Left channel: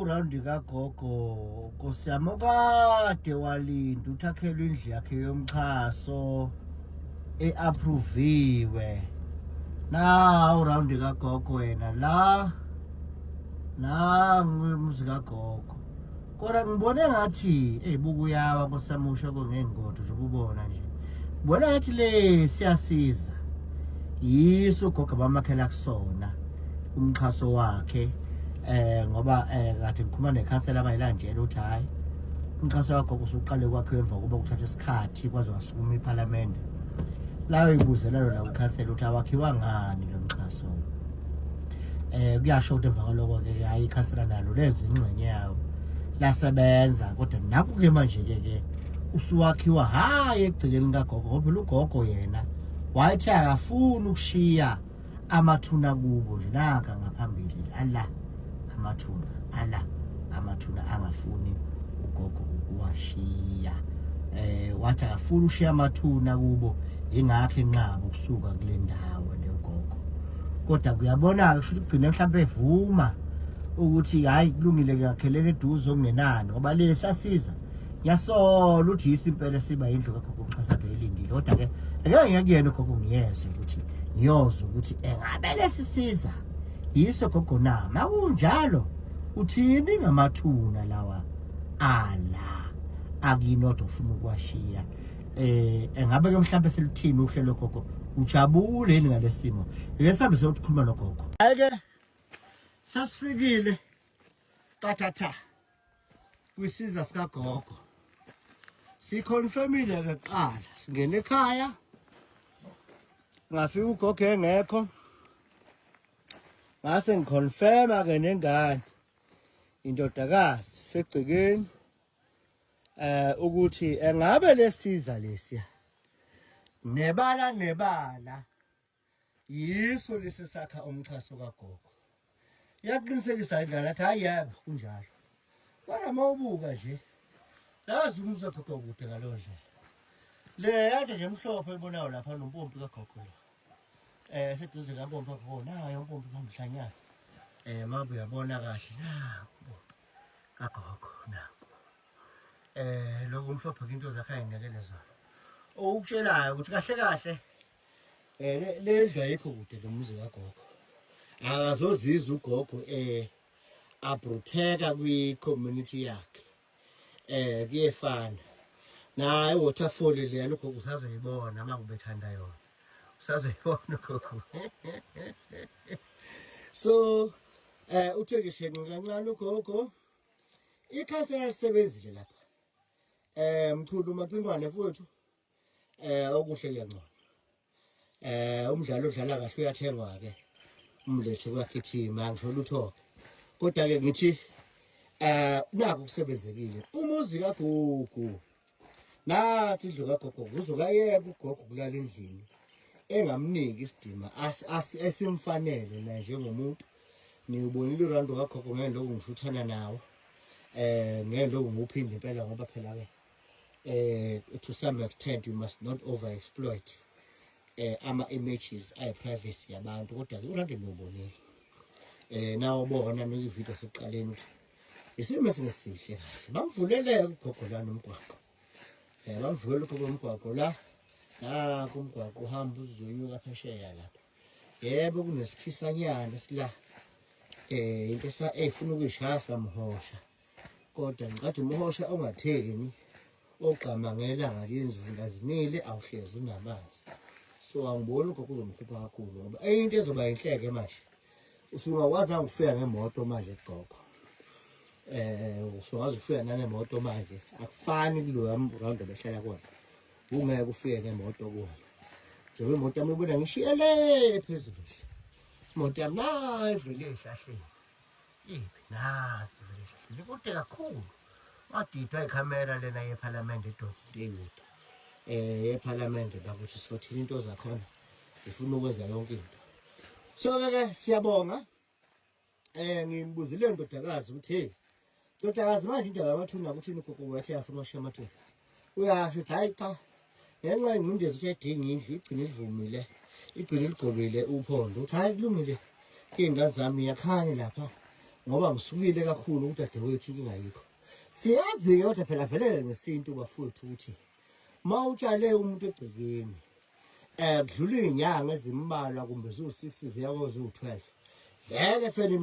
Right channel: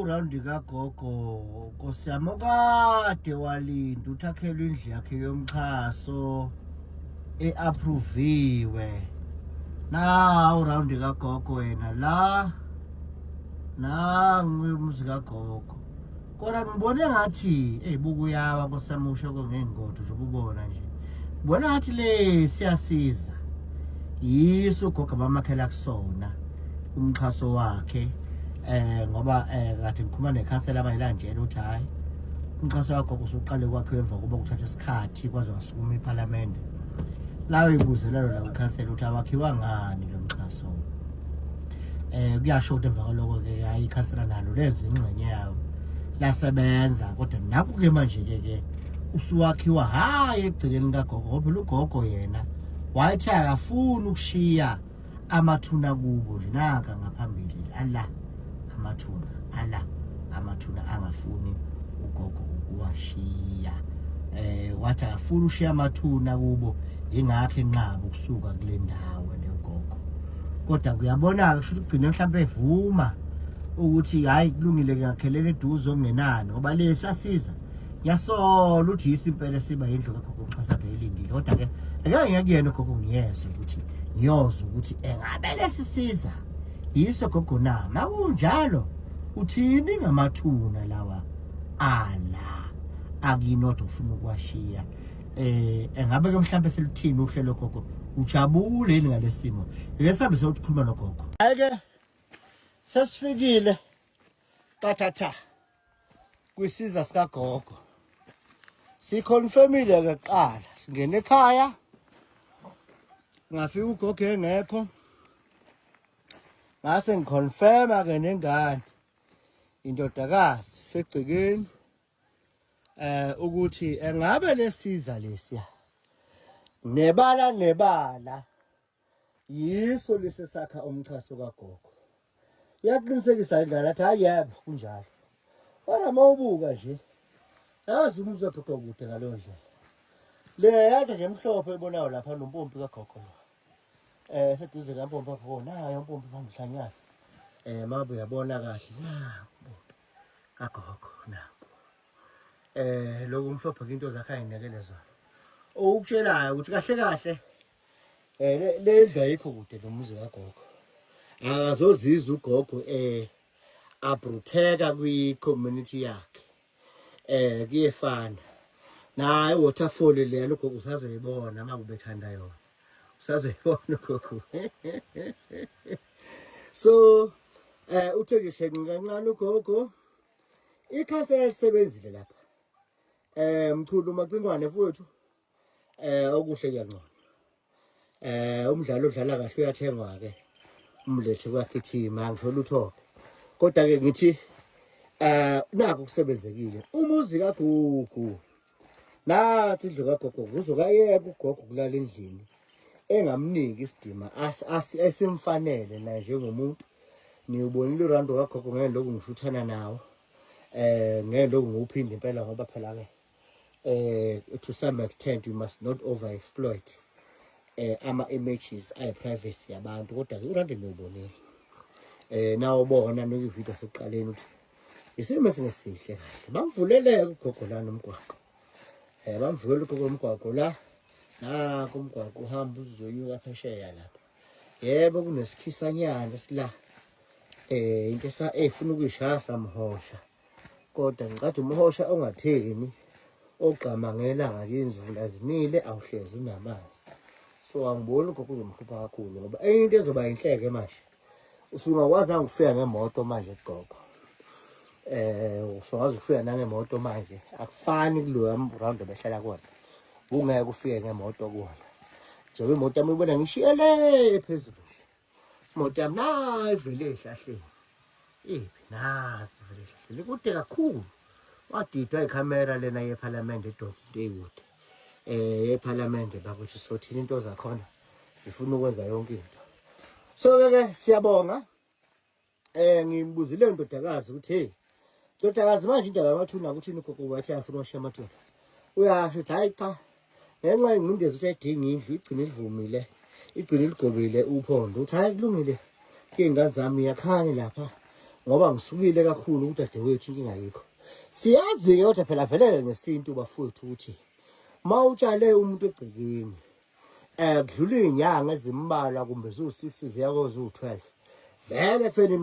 Urandi kagogo nkosiyami kade walinda uthakhelwe indlu yakhe yomxhaso eapproviwe. Urandi kagogo wena la ngumuzi kagogo. Kodwa ngibone ngathi bukuyawa nkosiyami usho ngengodo nje ubona nje. Ngibona ngathi le siyasiza. Yiso gogo abamakhela kusona umxhaso wakhe. Ngoba kade ngikhuluma nekhansela abayilandela uthi hayi umxhaso wakho usuqale kwakhe emva kuba kuthatha isikhathi kwaze wasukuma eParliament. La uyibuzelelo la ukhansela uthi awakhiwa ngani lo mxhaso. Kuyasho ukuthi emva kwaloko ke hayi ikhansela nalo lenza ingxenye yawo lasebenza kodwa naku ke manje ke usuwakhiwa hayi egcikeni kagogo ngoba ugogo yena wayethi akafuni ukushiya amathuna kubo nje naka ngaphambili amathuna angafuni ugogo ukuwashiya. Wathi akafuni ushiya amathuna kubo ingakho enqaba ukusuka kule ndawo le ugogo. Kodwa kuyabonaka kusho ugcine mhlawumbe evuma ukuthi hayi kulungile ngakhelele eduze okungenani ngoba le sasiza yasola uthi isimpela siba indlu kagogo umxhasado elindile. Kodwa ke ake ngiyakuyena ugogo ngiyezwe ukuthi ngiyoza ukuthi engabe lesisiza yiso gogo na makunjalo uthini ngamathuna lawa akinodwa ufuna ukwashiya. Engabe ke mhlawumbe selithini uhlelo gogo ujabule yini ngalesimo ake sihambe sokukhuluma nogogo. Ake sesifikile kathatha kwisiza sika gogo siconfirmile ke kuqala singene ekhaya ngafika ugogo engekho ngase ngiconfirma ke nengane indodakazi segcikeni ukuthi engabe lesiza lesiya nebala yiso lesesakha umxhaso kagogo. Yaqinisekisa ingane athi hayi yebo kunjalo. Kodwa mawubuka nje yazi umuzwa gogo kude ngalo ndlela. Le yade nje emhlophe ebonayo lapha nompompi kagogo lo. Seduze kampompi apho nayo umpompi phamhlanyana. Mabe uyabona kahle kagogo nakho. Lokho umhlophe into zakhe ayinekele zona. Ukutshelayo ukuthi kahle le ndlu ayikho kude nomuzi kagogo. Zozizwa ugogo abruteka kwi-community yakhe. Kuyefana naye waterfall le lokho usazoyibona uma ubethanda yona. Usazoyibona gogo. So uthe nje shenge kancane ugogo ikhansela lisebenzile lapha. Mchulu macingwane mfowethu okuhle kuyangcono. Umdlalo odlala kahle uyathengwa ke umlethe kwakhithima ngisho luthoke. Kodwa ke ngithi naku kusebenzekile umuzi kaGugu nathi indlu kagogo uzokayeka ugogo kulala endlini engamniki isidima esimfanele naye njengomuntu. Niubonile uRando kagogo ngeke lokhu ngishuthana nawo ngeke lokhu ngiuphinde impela ngoba phela ke to some extent you must not overexploit ama images ay privacy yabantu. Kodwa ke uRando niubonile nawo bona nokuvideo seqaleni uthi isimo singesihle kahle bamvulele ugogo la nomgwaqo. Bamvukela ugogo umgwaqo la kumgwaqo uhamba uzoyuka phesheya lapha. Yebo kunesikhisanyana sila into efuna ukuyishaya samhosha. Kodwa ngicathi umhosha ongatheni ogqamangela ngalizivula zinile awuhlezi unamanzi. So angiboni ugogo uzomhlupha kakhulu ngoba into ezoba inhleke manje usungakwazi ngifika ngemoto manje gogo. Usongazi ukufika nangemoto manje akufani kuloya round behlala khona. Ungeke ufike ngemoto kuona. Njengoba imoto yami ibona ngishiyele phezulu. Imoto yami nayi ivele ehlahleni. Nazi ivele ehlahleni. Kude kakhulu. Wadidwa ikhamera lena yeParliament eDonsintewood. yeParliament bakuthi sothina into zakhona sifuna ukwenza yonke into. So ke siyabonga Ngimbuzile indodakazi ukuthi hey ndodakazi manje indaba yamathuna ukuthi ugogo wathi afuna ukushiya amathuna. Uyasho ukuthi hayi cha. Ngenxa ingcindezi ukuthi ayidinga indlu igcine livumile. Igcine ligobile uphondo. Uthi hayi kulungile. Ingane zami yakhane lapha ngoba ngisukile kakhulu ukuthi dadewethu inkinga ayikho. Siyazi kodwa phela vele ngesintu bafowethu ukuthi mawutshale umuntu egcekeni kudlula izinyanga ezimbalwa kumbe zo6 ziya kuzo12 vele fene